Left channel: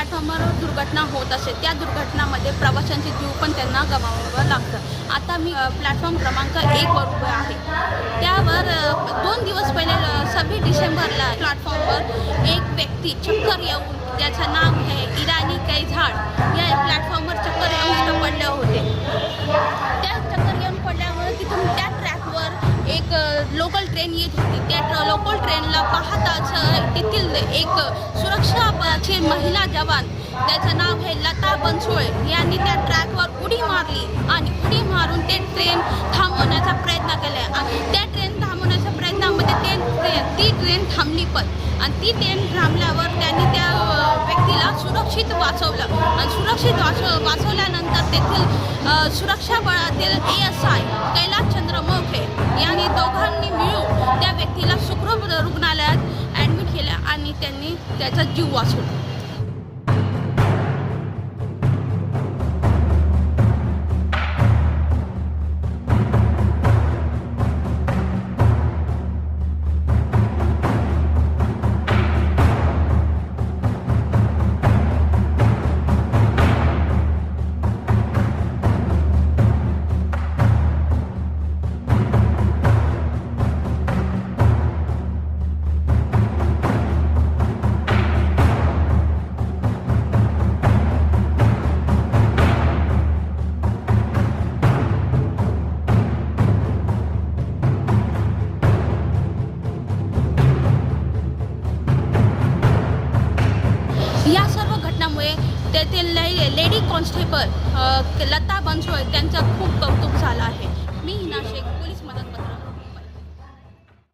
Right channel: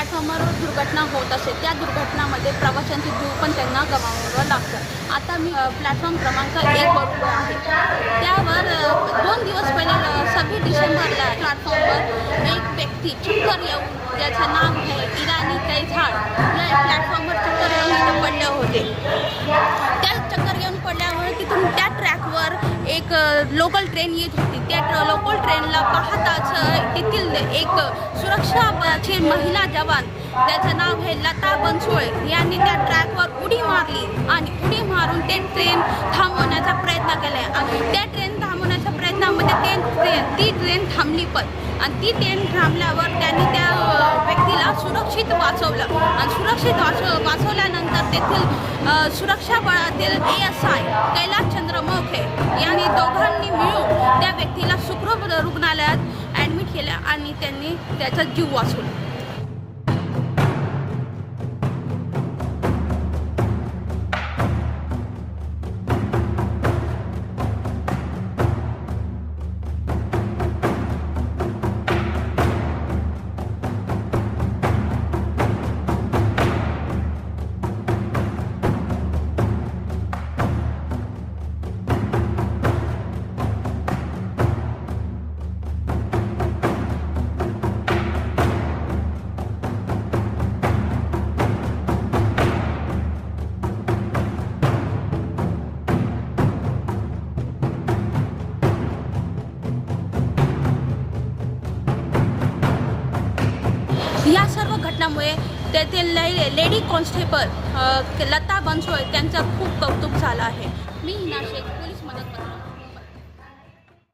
प्लॅटफॉर्मवर दुर्घटना होत असे, त्या दुर्घटनामध्ये प्रवाशांचे जीव पण त्यांना गमावावं लागतं। आता मी प्लॅटफॉर्म क्रमांक 1 वर उभे आहे। त्यावर 2 दिवस पहिले 26 डिसेंबरला प्लॅटफॉर्मवर एक व्यक्ती चक्कर येऊन, ज्याचं नाव आहे इराणी कैझाड, या प्लॅटफॉर्मवर चक्कर येऊन इथं पडले होते। त्या चक्कर येऊन पडल्यावर तिथून त्या ट्रॅकवर एक लोकल ट्रेन येत होती। त्या लोकल ट्रेनला पाहताच तेथील एक सुरक्षा बलाची महिला जवान, ज्याचं नाव आहे लता बनसोडे, यांनी त्या ट्रॅकवर उडी मारली आणि उडी मारून ते ट्रेन थांबवण्याचा प्रयत्न केला। त्या ट्रेन थांबवण्याच्या प्रयत्नामध्ये ती ट्रेन थांबली पण, आणि ती ट्रेन थांबल्यावर त्यांनी त्या व्यक्तीला सुरक्षित वाचवलं आणि सुरक्षित वाचवल्यानंतर तेथील सुरक्षा बळातील ASI कैलासचंद्र मोखे यांनी दोघांनी मिळून त्या व्यक्तीला सुखरूप रुग्णालयात ॲडमिट केलं आणि त्यांनी त्याचा जीव वाचवला। या सर्व घटनामुळे तेथील लेडी कॉन्स्टेबल लता बनसोडे त्यांचं खूप कौतुक झालं आहे।